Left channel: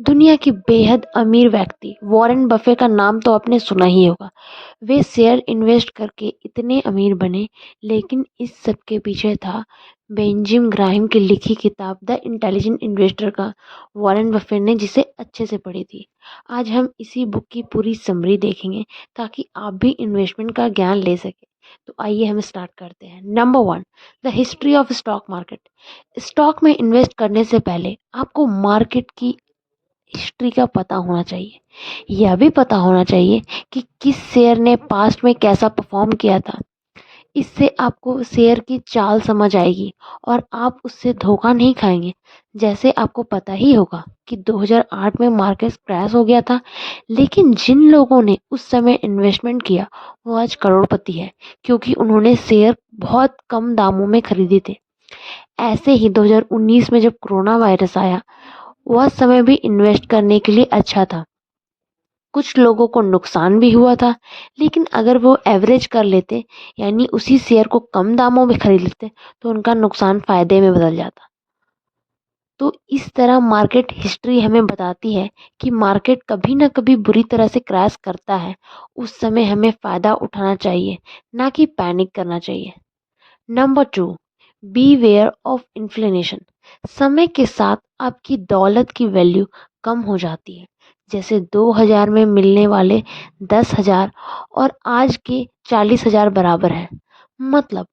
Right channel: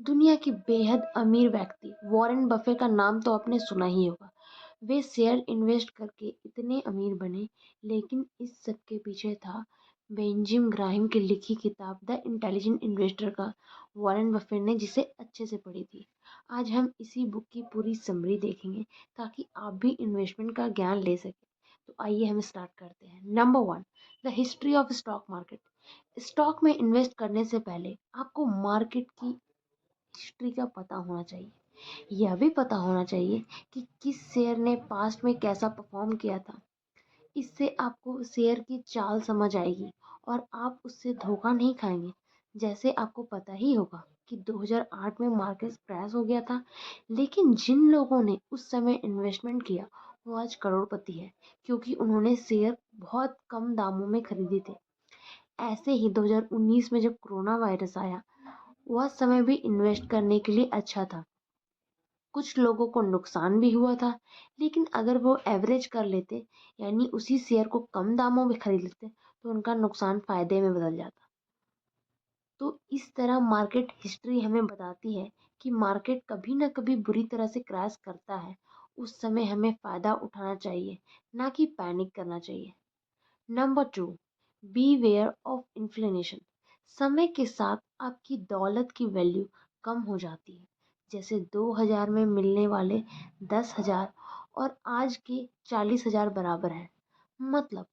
दुनिया के बेहद अमीर व्यक्ति वॉरेन बफे का नाम तो आपने सुना ही होगा। वे शेयर इन्वेस्ट करके इतने अमीर बने, लेकिन इस सब के पीछे था बेंजामिन ग्राहम की लिखी किताब द इंटेलिजेंट इन्वेस्टर का वॉरेन बफे ने, जिसे अच्छे से पढ़ी थी। आज हम इसी बुक की पूरी समरी देखेंगे ताकि आप भी इन्वेस्टमेंट का ज्ञान ले सकें। तो आइए हम स्टार्ट करते हैं। Number one, the history of stock market. Stock में इन्वेस्ट करने से पहले आपको मार्केट की हिस्ट्री का पता होना चाहिए। यह भी पता होना चाहिए कि किस शेयर ने पास्ट में कैसा परफॉर्म किया था। इससे आपको शेयर की चाल समझ आएगी और आप उससे धोखा नहीं खाएंगे। जैसे आपको पता ही होगा कि 2008 में मार्केट क्रैश हो गया था, लेकिन जिन लोगों ने उस समय इन्वेस्टमेंट किया वो आज करोड़पति है, क्योंकि उन्होंने शेयर बहुत कम दामों में खरीदे थे। ऐसे ही 2019 में जब कोरोना वायरस आया, वह समय भी इन्वेस्ट करने के लिए अच्छा था। कुछ लोगों को नुकसान भी हुआ था, लेकिन अगर वो एवरेज कर लेते, यानी उसी शेयर को कम दामों में खरीद लेते, तो उनका नुकसान फायदे में बदल जाता। तो इस तरह मार्केट हिस्ट्री हमें बताती है कि मार्केट कभी ना कभी बुरी तरह से क्रैश करता है। उस समय हमें फायदा उठाना चाहिए, ना कि पैनिक करना चाहिए। Number two, beware of inflation. समय के साथ आपकी दौलत की वैल्यू कम हो जाती है। जैसे 2000 में मिलने वाले 10,000 और आज के 40,000 बराबर है। मतलब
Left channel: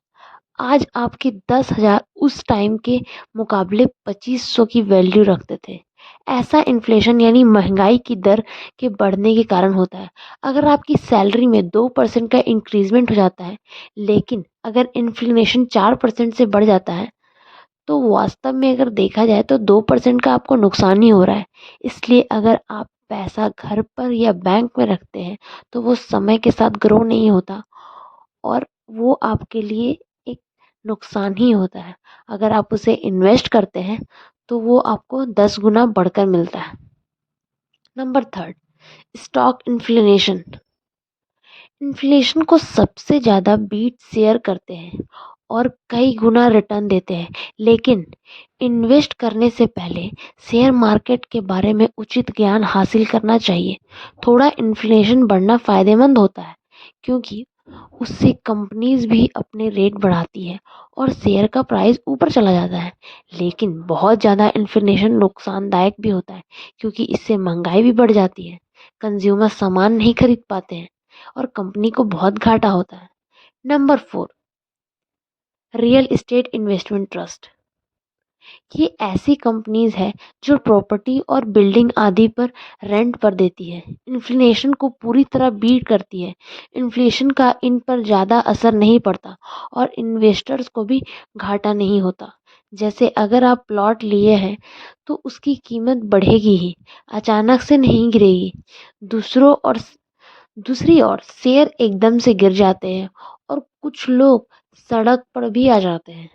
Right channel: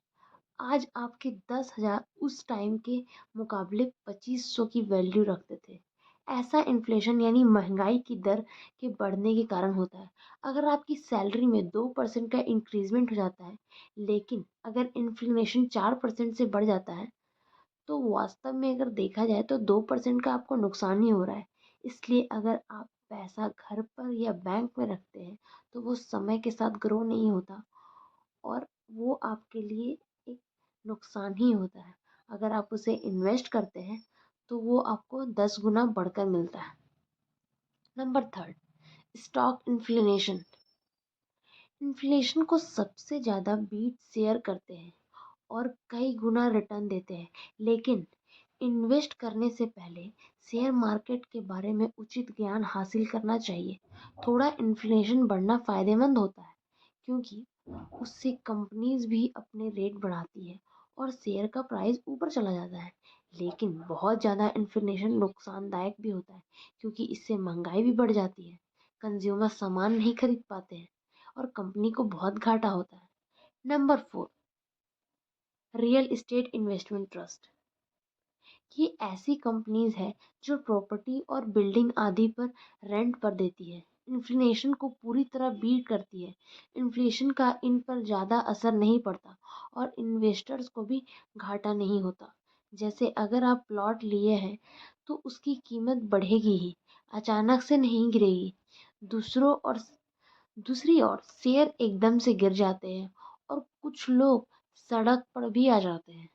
आज आपके 10,000 उस टाइम के मुकाबले 2500 की वैल्यू रखते थे। ऐसा इन्फ्लेशन यानी महंगाई की दर के बढ़ने के कारण होता है। अगर आपकी सैलरी में 2% का इंक्रीजमेंट हो जाता है, लेकिन अगर इन्फ्लेशन 4% से बढ़ जाता है, तो वास्तव में अगर देखा जाए तो 2% का आपको नुकसान ही हो रहा है। इसलिए अगर आप पैसा घर पर या बैंक में रखते हैं, तो वो समय के साथ ग्रो नहीं होता और वो आपके लिए एक नुकसान ही होता है। अगर आप उसे इन्वेस्ट करते हैं तो वो आपको 10 गुना बढ़कर मिलता है। Number third, stock inflation. Inflation को सबसे ज़्यादा बीट शेयर करते हैं और कई गुना रिटर्न देते हैं, लेकिन इन्वेस्ट करने से पहले शेयर मार्केट के बारे में उचित ज्ञान हासिल करना चाहिए। थोड़ा इन्फ्लेशन बढ़ना फ़ायदेमंद होता है, क्योंकि उससे कंपनीज भी अपने रेट बढ़ाती है और शेयर का प्राइस ऊपर चला जाता है। लेकिन बहुत ज़्यादा इन्फ्लेशन नुकसानदायक भी होता है, क्योंकि इससे महंगाई भी बढ़ जाती है, कंज्यूमर सामान नहीं खरीद पाते हैं और कंपनी को बहुत घाटा होता है। Number four, real estate investment trust. ये ऐसी कंपनीज है जो प्रॉपर्टी और बिल्डिंग आदि पर रेंट पर देती है। इन्फ्लेशन को पूरी तरह बीट करती है। इन्फ्लेशन का इन पर ज़्यादा असर नहीं पड़ता और इन्वेस्टर्स को भी घाटा नहीं होता। जैसे अगर आप प्लॉट लिए हैं तो उसकी कीमत बढ़ेगी ही, अचानक से नहीं गिरेगी। दूसरों और दूसरी ओर शेयर एकदम से गिर जाते हैं और कुछ लोग सड़क पर भी आ जाते हैं।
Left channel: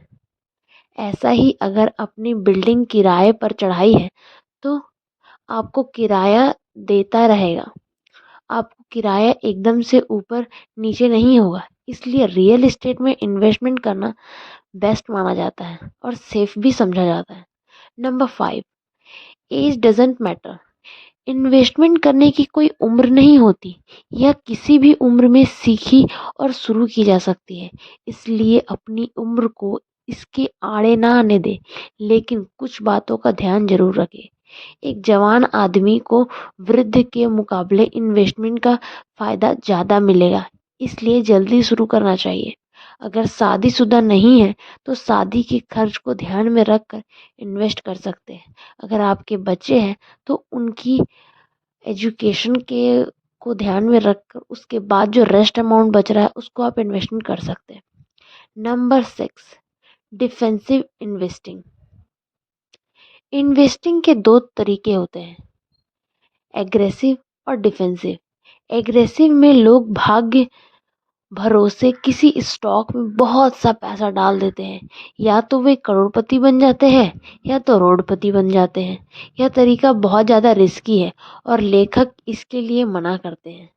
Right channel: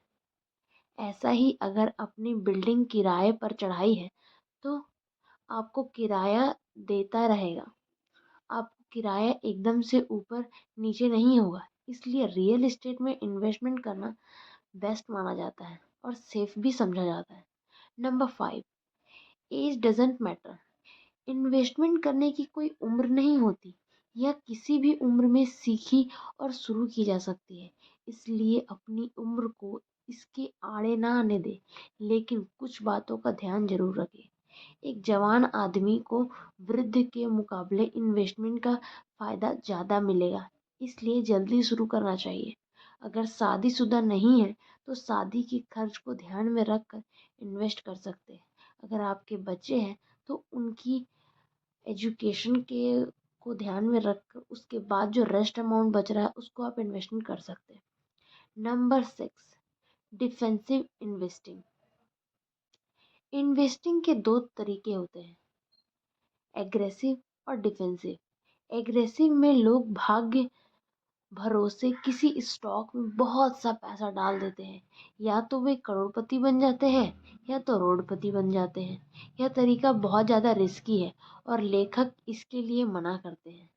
ऐसा ही अगर अपनी बिल्डिंग किराए पर चढ़ाई है तो आपको किराया देता रहेगा। आपको किराया एकदम से ऊपर नीचे नहीं होगा। इसलिए रियल एस्टेट में इन्वेस्टमेंट करना बेस्ट माना जाता है और सेफ भी समझा जाता है। Number five, age doesn't matter. Investment करने की कोई उम्र नहीं होती। यह किसी भी उम्र में सीखी और शुरू की जा सकती है। इसलिए अपनी उम्र को इसके आड़े ना आने दे, लेकिन कुछ बातों का ध्यान जरूर रखें। एक जवान आदमी को वृद्ध के मुकाबले इन्वेस्टमेंट का फायदा ज़्यादा मिलेगा, इसलिए जल्दी शुरू करना चाहिए। अगर शादीशुदा नहीं है तो शादी के खर्च को ध्यान में रखकर इन्वेस्ट कर सकते हैं। अगर आपके बच्चे हैं तो उनकी एजुकेशन के को ध्यान में रखकर उसके बाद जो रेस्ट अमाउंट बच रहा है उसको आप इन्वेस्टमेंट कर सकते हैं। Number six, defensive investing. Investing के दो तरीके होते हैं, एग्रेसिव और डिफेंसिव। एग्रेसिव में लोग भाग्य भरोसे किसी स्टॉक में बहुत सा पैसा डाल देते हैं। या तो वे करोड़पति बन जाते हैं या तो रोडपति बन जाते हैं। यह तरीका बहुत ज़्यादा रिस्की है और लेखक इसके लिए मना करते हैं।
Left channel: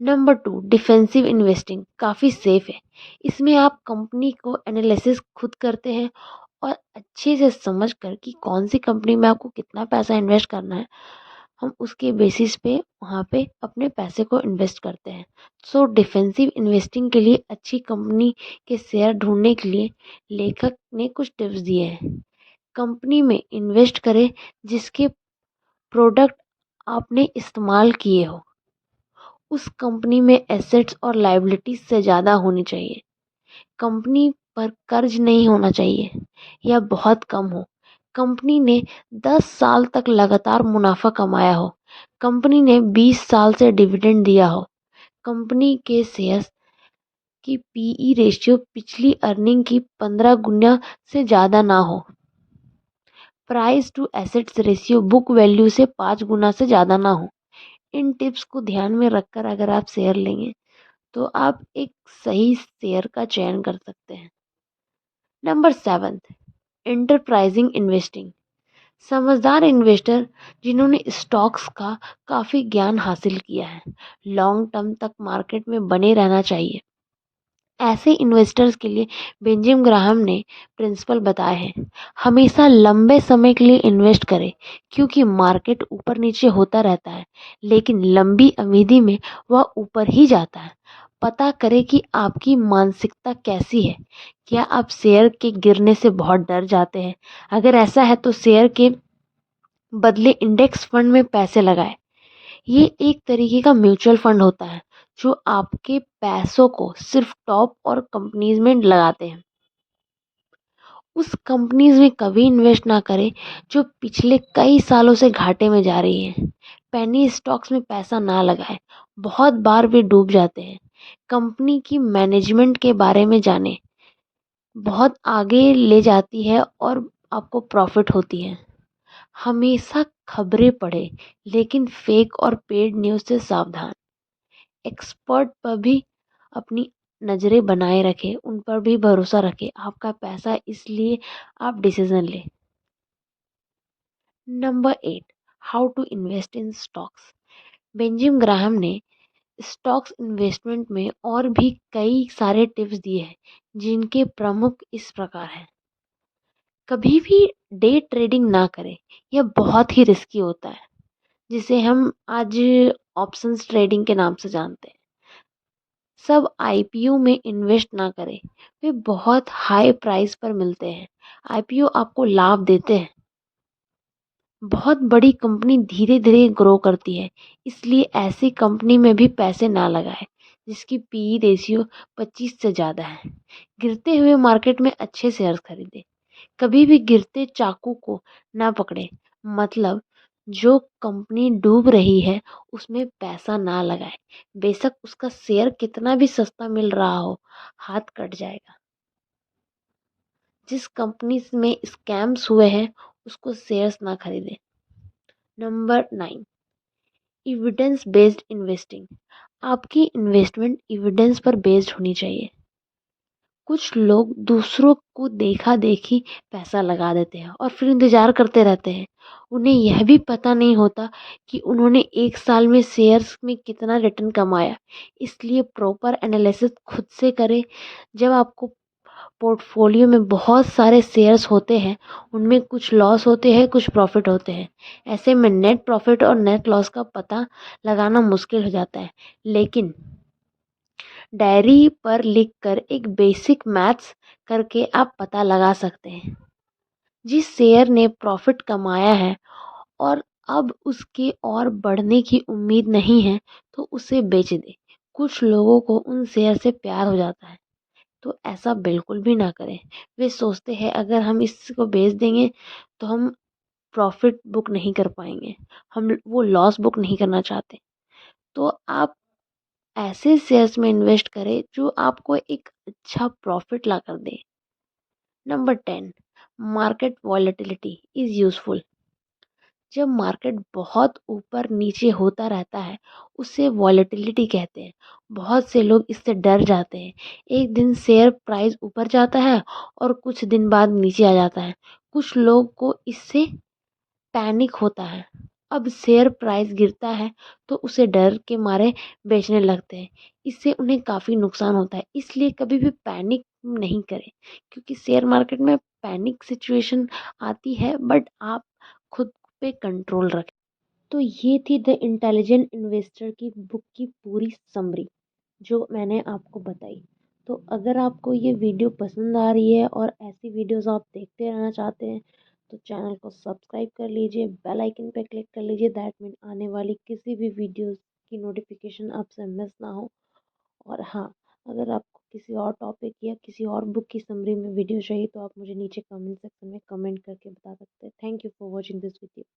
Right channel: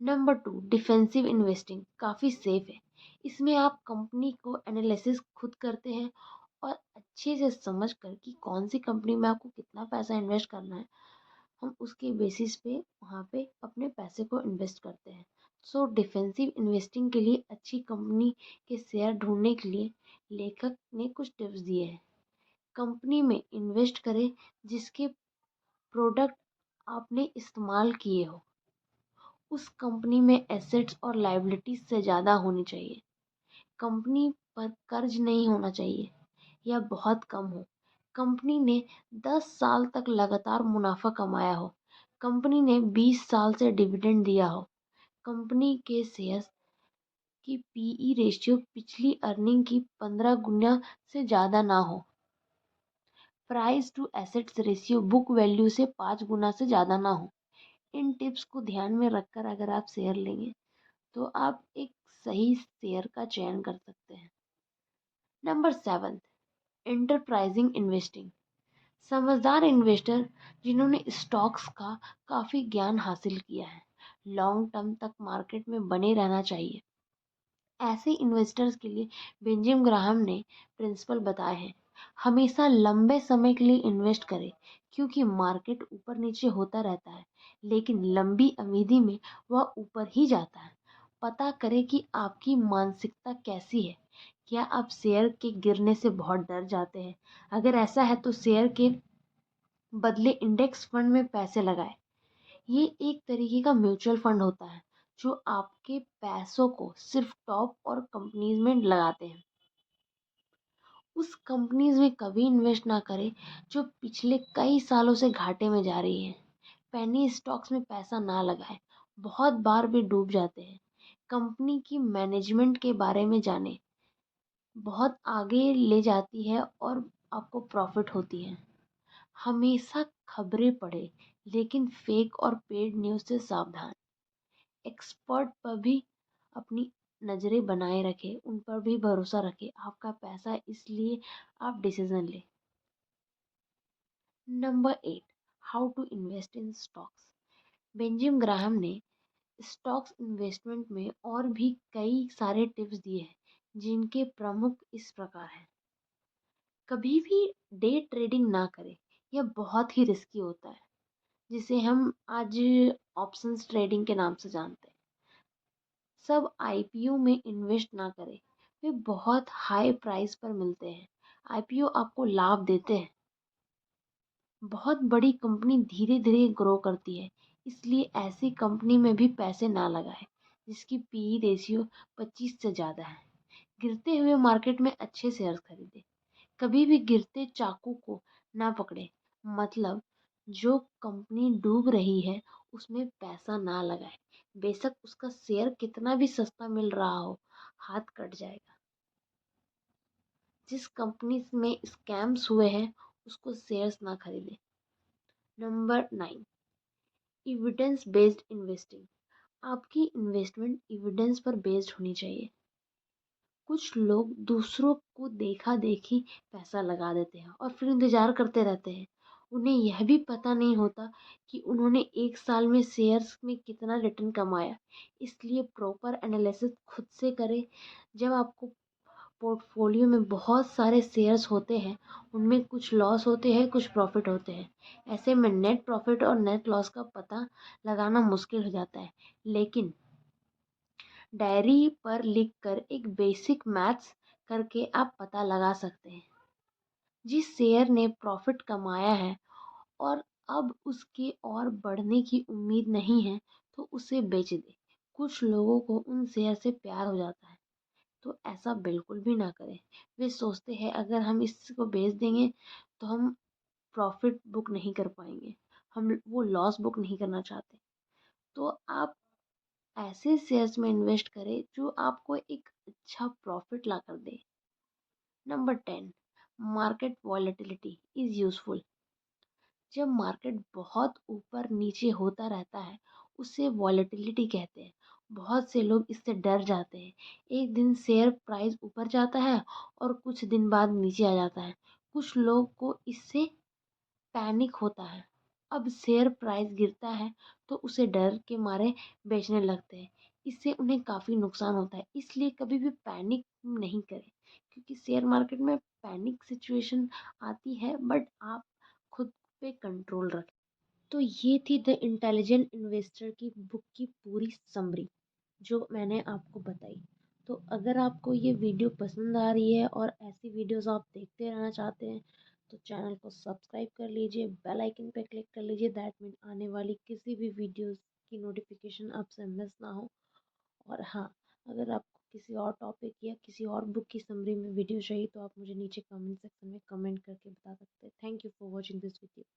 नंबर टू, डिफेंसिव इन्वेस्टिंग काफ़ी सेफ है। इसमें आप कंपनी को एनालिसिस खुद करते हैं और अच्छे से समझ कर कि कौन सी कंपनी में आपको कितना पैसा इन्वेस्ट करना है, हम उसके बेसिस पे वहाँ पे अपने पैसे को इन्वेस्ट करते हैं। सो डिफेंसिव इन्वेस्टिंग के लिए अच्छी कंपनी के शेयर ढूंढने के लिए लेखक ने कुछ टिप्स दिए हैं। कंपनी में इन्वेस्ट करें जिसके प्रोडक्ट आपने इस्तेमाल किए हो। उस कंपनी में एसेट्स और लायबिलिटीज से ज़्यादा होनी चाहिए। कंपनी पर कर्ज नहीं होना चाहिए या बहुत कम हो। कंपनी ने 10 साल तक लगातार मुनाफा कमाया हो। कंपनी ने 20 साल से डिविडेंड दिया हो। कंपनी के शेयर्स की पीई रेशियो पिछली अर्निंग की 15 गुना से ज़्यादा ना हो। Price to assets ratio book value से 5 गुना से ज़्यादा ना हो। इन टिप्स को ध्यान में रखकर अगर आप शेयर लेंगे तो आप एक सही शेयर का चयन कर सकते हैं। Number 7, enterprising investing. समझदार इन्वेस्टर जिन्होंने स्टॉक्स का काफ़ी ज्ञान हासिल किया है, लॉन्ग टर्म तक मार्केट में बने रहना चाहिए। ऐसे इन्वेस्टर्स के लिए बेंजामिन ग्राहम ने प्रिंसिपल बताए हैं। हमेशा लंबे समय के लिए इन्वेस्ट करें क्योंकि मार्केट ऊपर नीचे होता रहता है, लेकिन लंबी अवधि में वह ऊपर ही जाता है। पता करें कि आपकी मानसिकता कैसी है। क्या आप शेयर के गिरने से बहुत डर जाते हैं? अगर ऐसा है तो शेयर के बदले इंडेक्स फंड में पैसे लगाएं। ये एक तरीके का म्यूचुअल फंड होता है जो आपके पैसों को सिर्फ टॉप और कंपनीज में लगाते हैं। उस कंपनीज में कभी इन्वेस्ट ना करें जो पिछले कई सालों से घाटे में जा रही हैं। पेनी स्टॉक्स में पैसा ना लगाएं, बहुत बार वे डूब जाते हैं। कंपनी की मैनेजमेंट के बारे में जानें, बहुत आगे ले जाती है और आपको प्रॉफिट होती है। हमेशा खबरें पढ़ें, लेकिन फेक और पेड न्यूज़ से सावधान। एक्सपर्ट पर भी अपनी नज़रें बनाए रखें, उन पर भी भरोसा रखें। आपका पैसा इसलिए आप डिसीजन लें। Number 8, how to invest in stocks. Benjamin Graham ने स्टॉक्स इन्वेस्टमेंट में और भी कई सारे टिप्स दिए हैं, जिनके प्रमुख इस प्रकार हैं। कभी भी डे ट्रेडिंग ना करें, यह बहुत ही रिस्की होता है, जिसे हम आज ऑप्शंस ट्रेडिंग के नाम से जानते हैं। सब आईपीओ में इन्वेस्ट ना करें, वे बहुत हाई प्राइस पर मिलते हैं। आईपीओ आपको लाभ देते हैं, बहुत बड़ी कंपनी धीरे धीरे ग्रो करती है, इसलिए ऐसी कंपनी में भी पैसे ना लगाएं जिसकी पीई रेशियो 25 से ज़्यादा है। गिरते हुए मार्केट में अच्छे शेयर खरीदें। कभी भी गिरते चाकू को ना पकड़े, मतलब जो कंपनी डूब रही है उसमें पैसा ना लगाए। बेशक उसका शेयर कितना भी सस्ता मिल रहा हो, हाथ कट जाएगा। जिस कंपनी में स्कैम्स हुए हैं उसको शेयर्स ना खरीदें। Number 9, evidence based investing. आपकी इन्वेस्टमेंट एविडेंस पर बेस्ड होनी चाहिए। कुछ लोग दूसरों को देखा देखी पैसा लगा देते हैं और फिर इंतजार करते रहते हैं। उन्हें यह भी पता नहीं होता कि उन्होंने एक साल में शेयर्स में कितना रिटर्न कमाया। इसलिए प्रॉपर एनालिसिस खुद से करें। जब आपको पोर्टफोलियो में बहुत सारे शेयर्स होते हैं, उनमें कुछ लॉस होते हैं, कुछ प्रॉफिट होते हैं। ऐसे में नेट प्रॉफिट और नेट लॉस का पता लगाना मुश्किल हो जाता है, लेकिन डायरी पर लिखकर एक बेसिक मैथ्स करके आप पता लगा सकते हैं। जिस शेयर ने प्रॉफिट कमाया है और अब उसके और बढ़ने की उम्मीद नहीं है तो उसे बेच दे। कुछ लोगों को उन शेयर से प्यार हो जाता है, तो ऐसा बिल्कुल भी ना करें। वे सोचते हैं अगर हम इसको बेच देंगे तो हम प्रॉफिट बुक नहीं कर पाएंगे, हम वो लॉस बुक नहीं करना चाहते। तो आप ऐसे शेयर्स में इन्वेस्ट करें जो आपको एक अच्छा प्रॉफिट ला कर दे। Number 10, market volatility is useful. जब मार्केट बहुत ऊपर नीचे होता रहता है उसे वॉलेटिलिटी कहते हैं। बहुत से लोग इससे डर जाते हैं। एक दिन शेयर प्राइस ऊपर जाता है और कुछ दिन बाद नीचे आ जाता है। कुछ लोग को इससे पैनिक होता है। अब शेयर प्राइस गिरता है तो उसे डर के मारे बेचने लगते हैं। इससे उन्हें काफ़ी नुकसान होता है। इसलिए कभी भी पैनिक नहीं करें, क्योंकि शेयर मार्केट में पैनिक सिचुएशन आती है, बट आप खुद पे कंट्रोल रखें। तो ये थी द इंटेलिजेंट इन्वेस्टर की बुक की पूरी समरी जो मैंने आपको बताई। तो अगर आपको ये वीडियो पसंद आ रही है और ऐसी वीडियोस आप देखते रहना चाहते हैं तो चैनल को सब्सक्राइब कर लीजिए, बेल आइकन पे क्लिक कर लीजिए, दैट मीन आने वाली किसी भी वीडियोस की नोटिफिकेशन आपसे मिस ना हो। और हाँ, अगर आपको किसी और टॉपिक या किसी और बुक की समरी में वीडियो चाहिए तो आप मुझे नीचे कमेंट सेक्शन में कमेंट करके बता सकते हैं। Thank you for watching this video.